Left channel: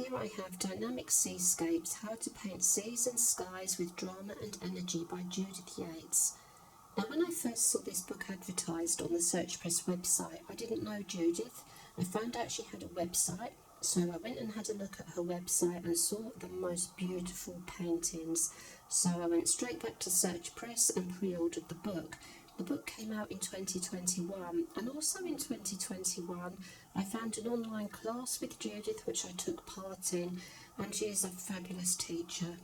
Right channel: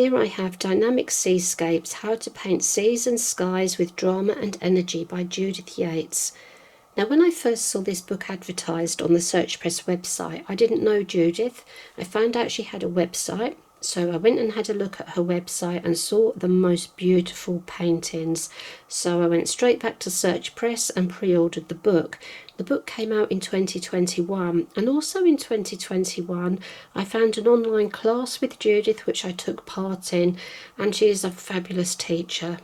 Here I have Dynamic Seascapes, How to Paint Seas and Skies with Drama and Energy by Judith Yates. Now, when I first saw this book advertised on the Search Press website, I didn't know Judith. I found out she had a website, so I went and had a look at her website and saw the most beautiful paintings. So I went straight back to Search Press and pre-ordered the book. The book came out in 2021, and also in 2021 I found an online class with Judith which I took part in, and she is a fabulous teacher.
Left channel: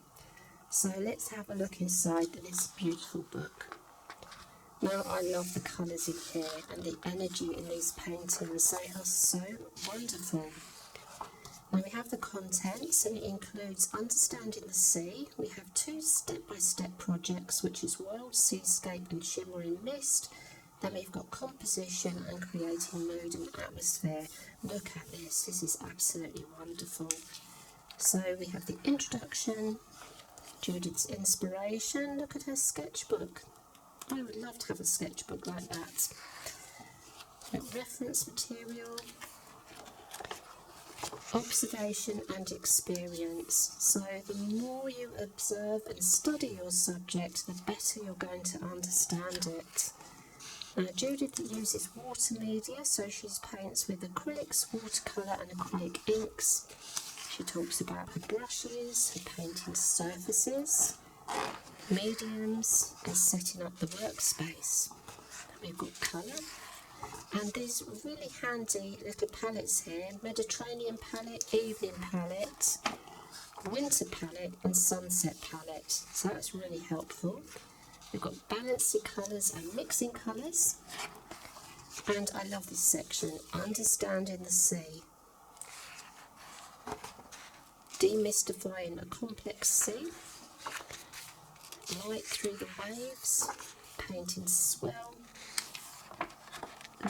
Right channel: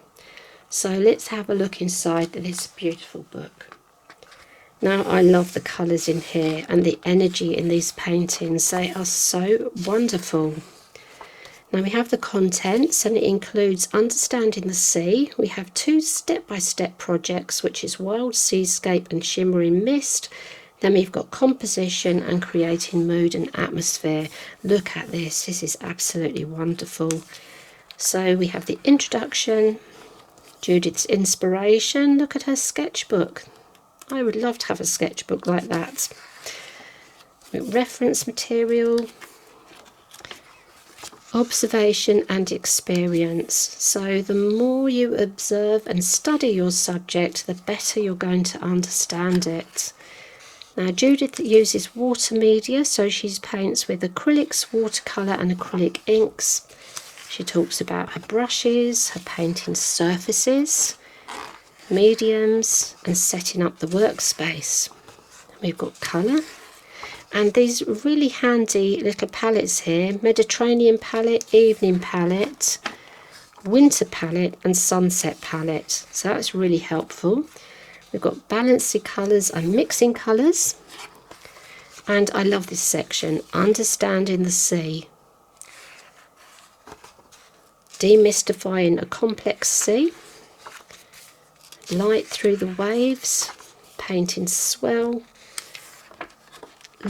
So let's have a look inside this beautiful book. Now, I love the colours in here and the energy in these paintings. They are so wonderful. Now we have the contents, and it includes Understanding the Sea. We have 2 step-by-step projects, which is Wild Seascape and Shimmering Mist. Then we've got Composition and Creating Mood and Atmosphere. Look at this. This is absolutely wonderful. So we have the introduction, Judith's inspiration. Look at her sketchbook. I would love to have a sketchbook like that. Reference material, observation and experience. So the more you observe and study your subject, the better you're going to understand it. Now, Judith uses water media, so she paints with acrylics, watercolour and acrylic inks. She talks about her brushes, her painting surfaces, mediums and setting up the workspace. We've got colour, and these really handy little palettes here: Mediterranean palette, evening palette, winter palette and sunset palette. So that's really helpful. We've got balancing colours and mixing colours, and I love this section, Understanding the Sea, demystifying a complex sea, light through the waves, painting swell.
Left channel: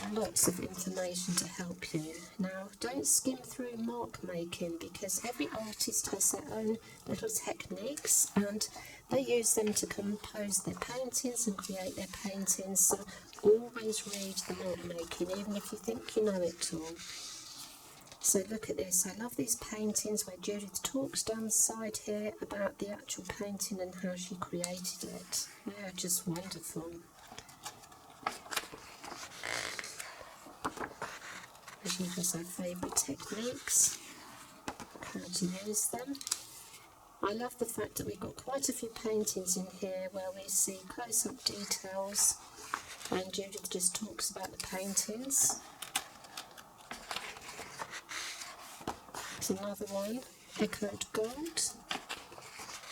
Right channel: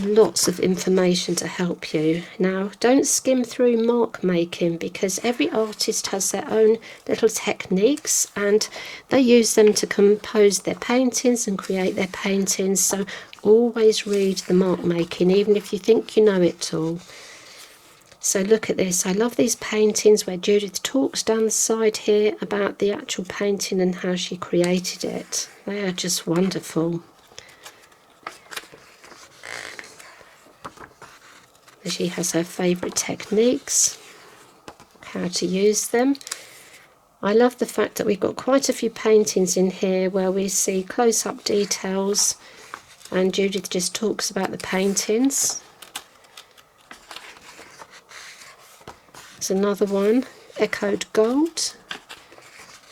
Lots of information to help you. Now, don't skim through mark making, because every artist has their own little techniques and they use them to compose their paintings and create their paintings. So always read the mark making, even if you think you know it all. So look at this. I love these paintings where Judith talks down the side here about the actual painting and how she created it. They are just wonderful. She has her favourite techniques, how to use them. I love the fact that we've got quite a few paintings in here where we see close-up details, and Judith just talks about the paintings. There's another one, Echoed Gold.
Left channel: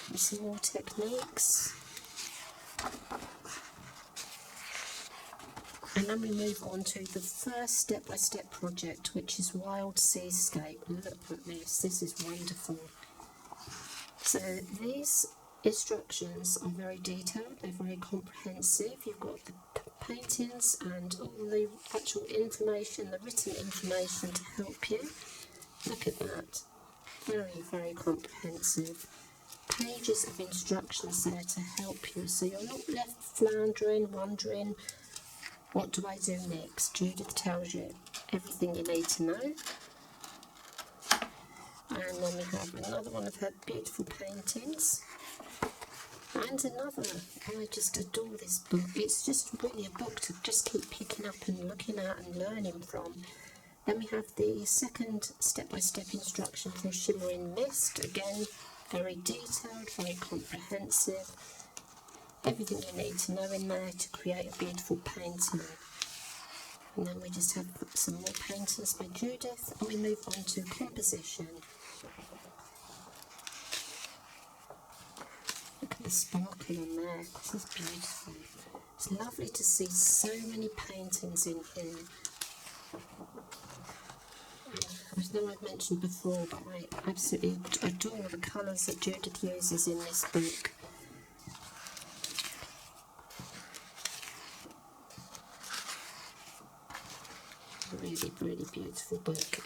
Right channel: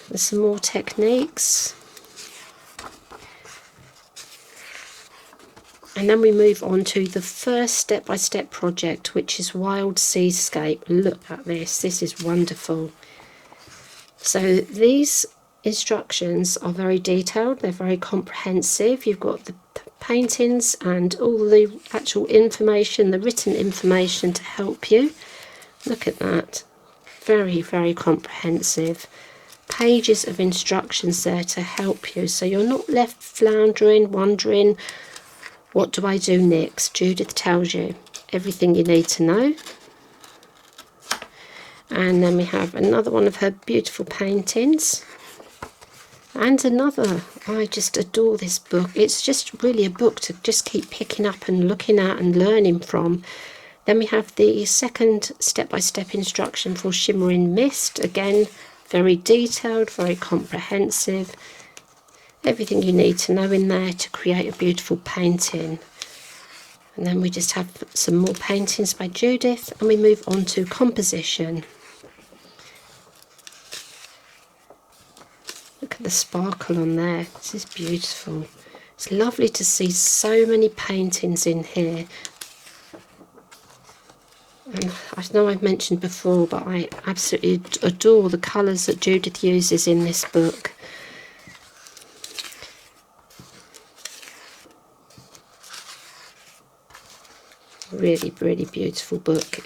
There's some more techniques. And then we move on to the first step-by-step project, which is Wild Seascape. Look at this. This is wonderful. So these instructions are very detailed. They're very comprehensive. You've got the paintings and all the actual information, the written information to help you. Look at that. Very, very comprehensive. Pages of instructions there to help you, so you're not left floundering, wondering, what do I do next? Judith tells you everything you need to know. And then we have another one of her beautiful paintings. And another. I just adore this book. It's just really a book to just keep picking up and looking at and learning from. Then we have the second step-by-step instruction for Shimmering Mist. Again, very detailed, very comprehensive. Everything you need to know in there to create a beautiful painting. And then we just have some more paintings by Judith, and we move on to Composition. Look at the sparkle on there. This is beautiful. It's lovely to see so many paintings in here. And I know I've mentioned before, but I absolutely adore the colours that Judith uses in this book. Really, really beautiful book.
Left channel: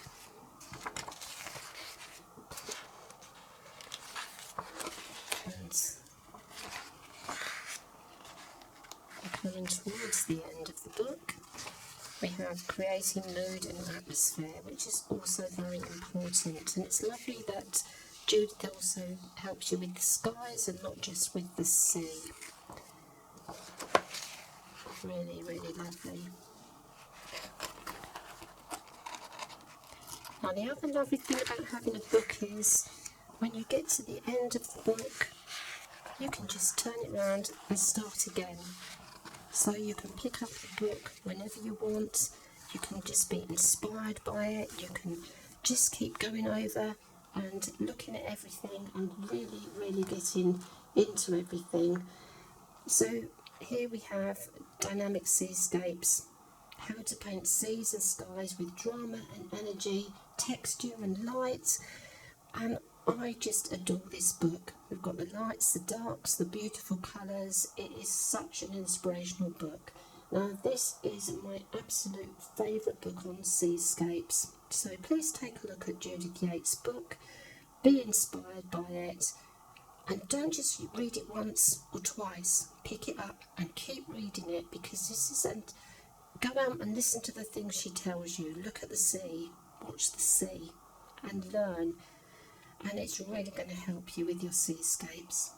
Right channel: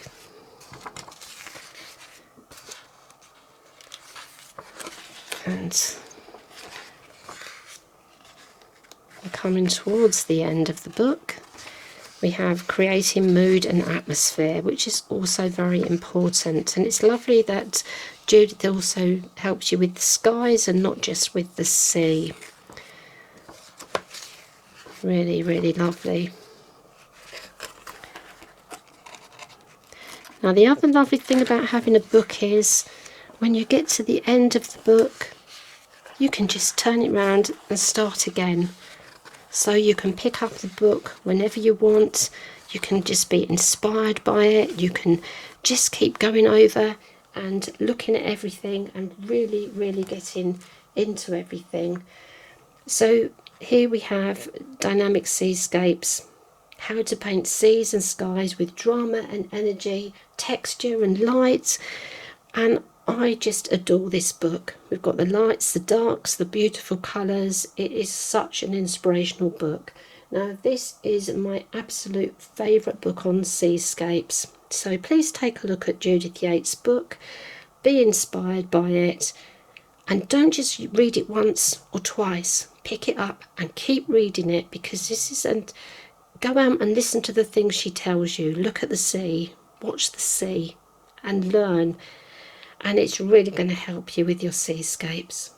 And we're coming towards the end of the book. We have creating mood and atmosphere, which is also very important. And it's lovely that Judith also helps you with the skies and not just with the sea. Really, really lovely. Now, the other lovely thing about having a book is when you get to the end of the book, you can just turn it round and start again. So you can pick up the book whenever you want. You can just be inspired by it. You can just keep going over and looking at everything and really, really getting into everything. So here we have Dynamic Seascapes, how to paint seas and skies with drama and energy, texture and light. And I just adore this book. We've got the lights, the darks, the beautiful colours. It is such an inspirational book. Now, this is my absolute favourite book on seascapes. So please take a look at Judith Yates' book. Be inspired by it. And don't just read it once or twice. Pick it up and keep reading it, because this isn't... Go out and listen to the things she tells you. Look at the sea. Watch the sea and learn. And it's really going to help you with your seascapes.